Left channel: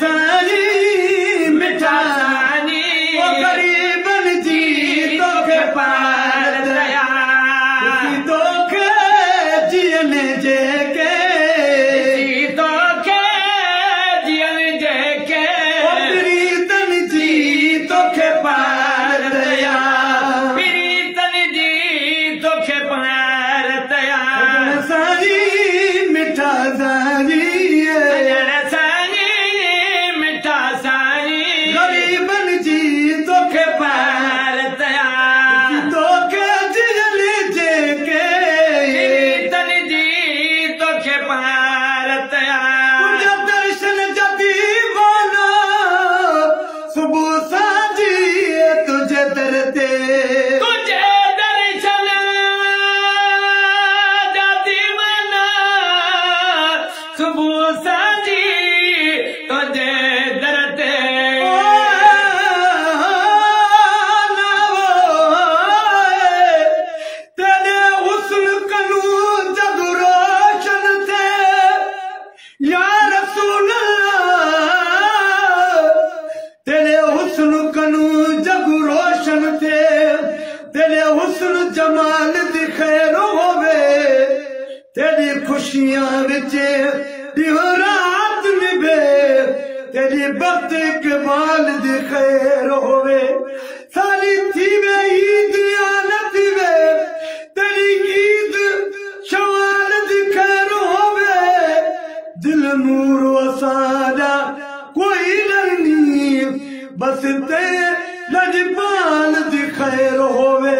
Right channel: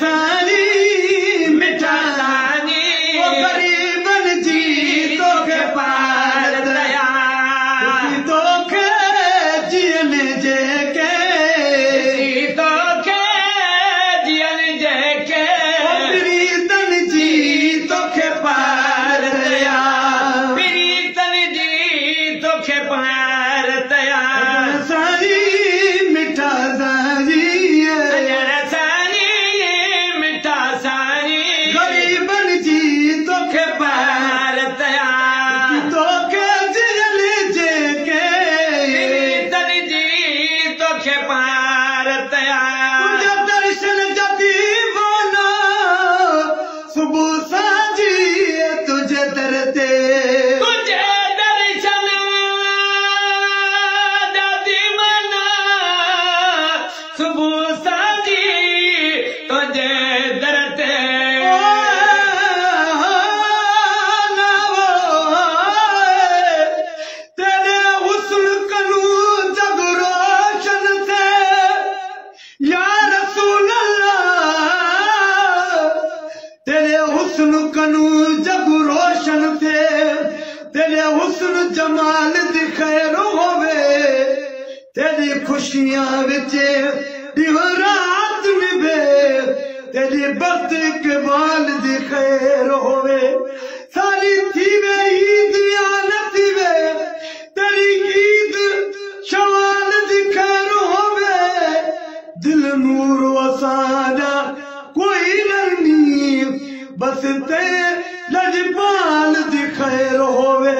सानी मिठा सानी वो गरीबन जी तोखे पार दया तोखे जियन जेके तोखे जियन जेके प्रीतन जी तोखे पार दया प्रीतन जी तोखे पार दया सानी मिठा सानी गरीबन जी तोखे पार दया तोखे जियन जेके प्रीतन जी तोखे पार दया तुझे दर्शन जदी वना सुबह सांझी तुझे दर ते तुझे दर्शन जदी वना सुबह सांझी तुझे दर ते तेरे हुस्न जमाल दी खैर होवे तेरी खुशियां विच रात निभे तेरी बख्त इकबाल दी खैर होवे सारी थीवे ईद या न थीवे तेरी ईद शवाल दी खैर होवे दिल नूर वसादा कोई नहीं बस ते लजपाल दी खैर होवे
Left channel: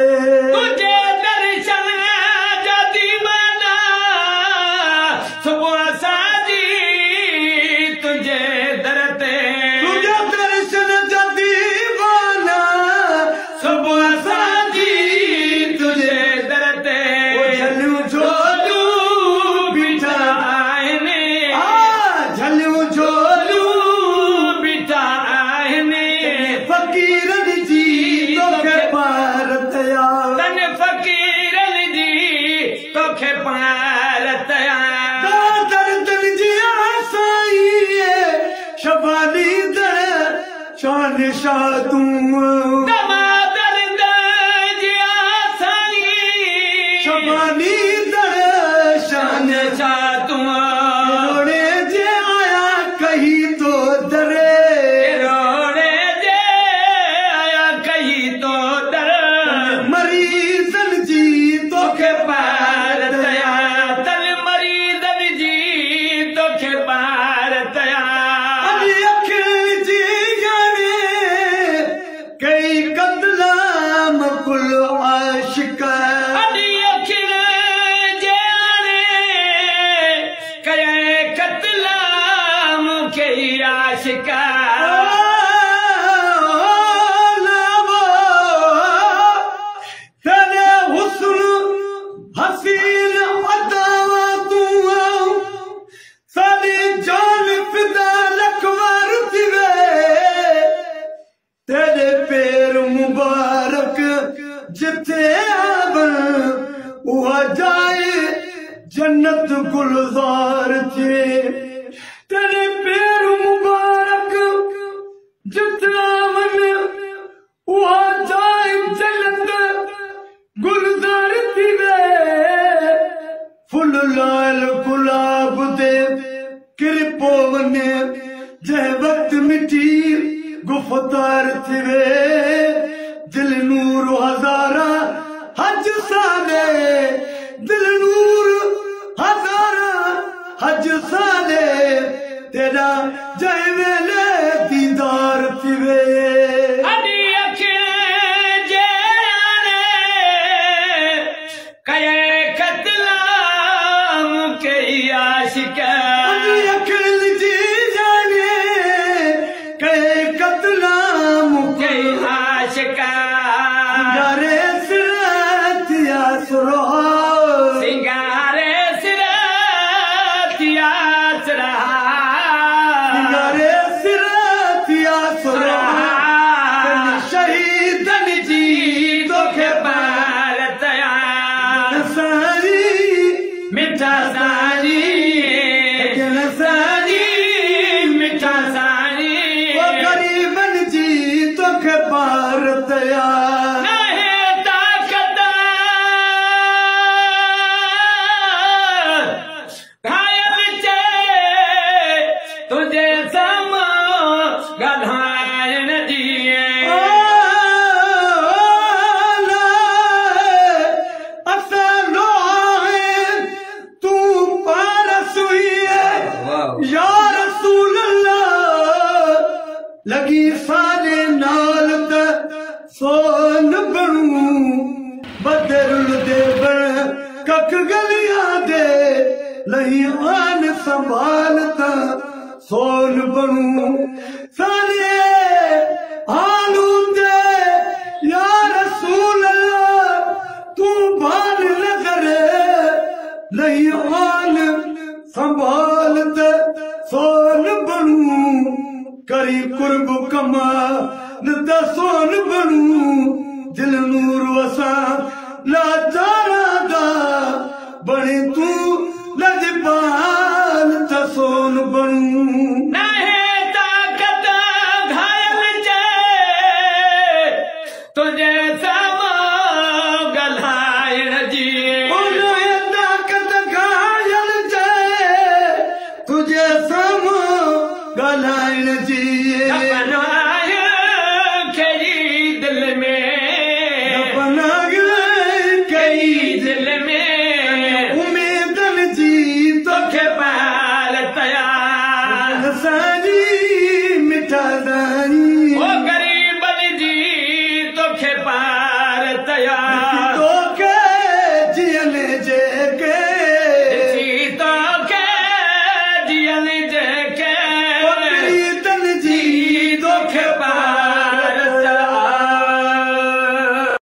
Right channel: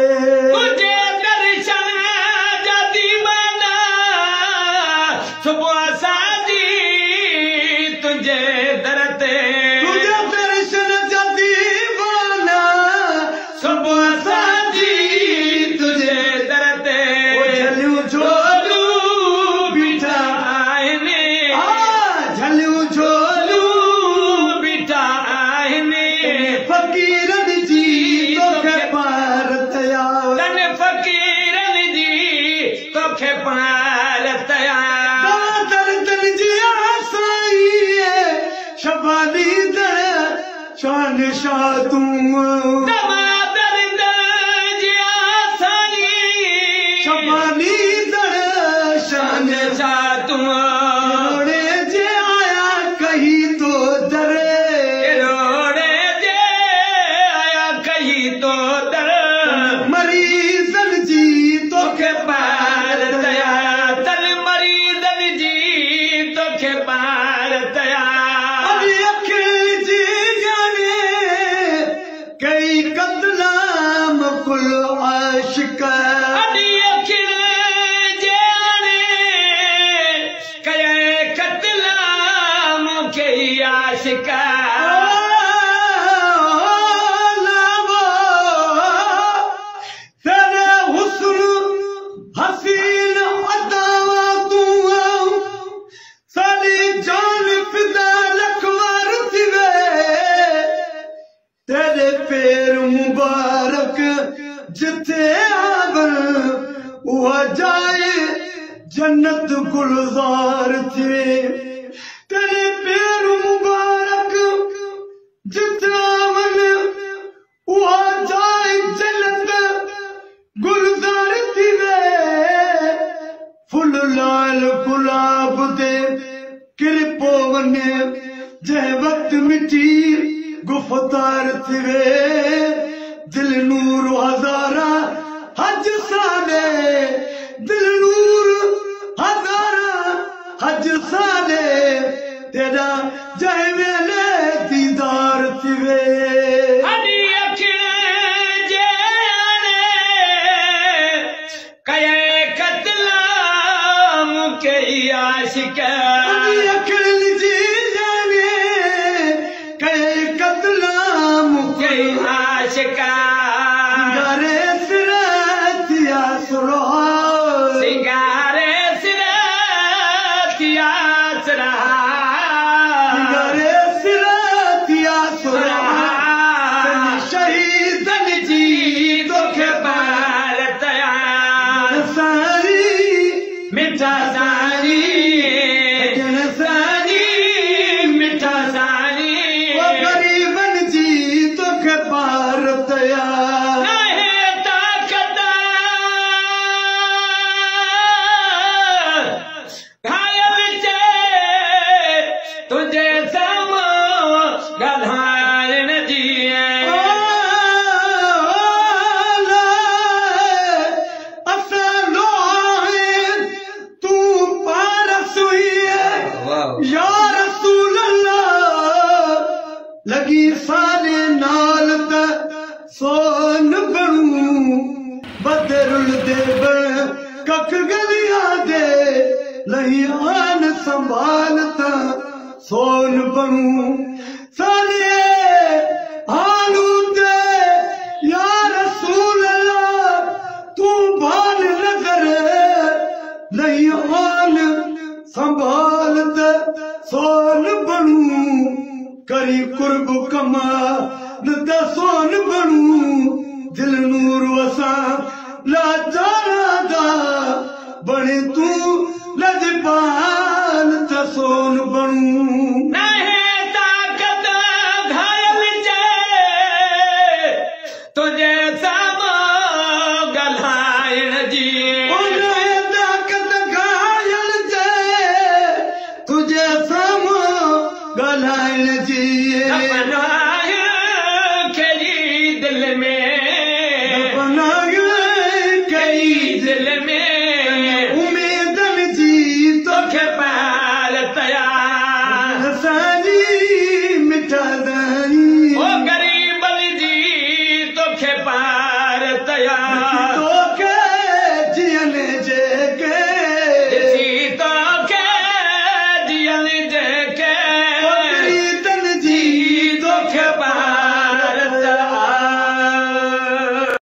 तुझे दर्शन जदी वना सुबह सांझी तुझे दर ते तुझे दर्शन जदी वना सुबह सांझी तुझे दर ते झलियूं झोलू बीठा आहिनि झलियूं झोलू बीठा आहिनि फकीरन जी तोखे पार दया तन फकीरन जी तोखे पार दया दर्दन जी आसाई शबानी दर शान शाह तू दर्द जी आसानी शबानी दर शान शाह तू रोड़े जे आया कहीं तो दरे मरीजन जी तोखे पार दया तन मरीजन जी तोखे पार दया अभी अखिल जी जाने कई कतलाम कुल आशिका अभी अखिल जाने कई कतलाम कई आशिका हसीन अदावा तू सारी जान फिदा लखवार थिवे तेरे पैर मुबारक जिथे आवन उहा जाए जन्नत गुलजार थे तेरे पैर मुबारक जिथे आवन उहा जाए जन्नत गुलजार थिवे फुल लाल गुलाब दे किरपो वने जह वक्त मिठी गुफ्तार थिवे दिल नूर हजारा हज साले दिल नूर हजारा हज साले तेरा जह वेले दीदार थिवे अखिल जी जाने कई कतलाम कई आशिका सिंगारे सिरतिया सुरो सिंगारे सिरतिया सुरा सिंगारे सिरतिया सुरा शहीदन जी तोखे पार दया सारी मिठा सानी मिठा सानी लगी सारे नाल सोन बनू बदरुल दे कख गलियां दे लही आन संभालता सोन बनू सारे हालू दे या रसूल अल्लाह तू भाल न करे लही आन संभालता सोन बनू करी कुर्ब कमा न सोन बनू दिल नूर वसा लाचारा दा बने तू लजपाल त सोन बनू नहीं ताकत घायल जे तुझे सामो गलाइण जी नहीं ताकत घायल जे तुझे सामो गलाइण जी दिल में दिल में उम्मीदन जी तोखे पाल तयार सारी मिठा दाई ओ करे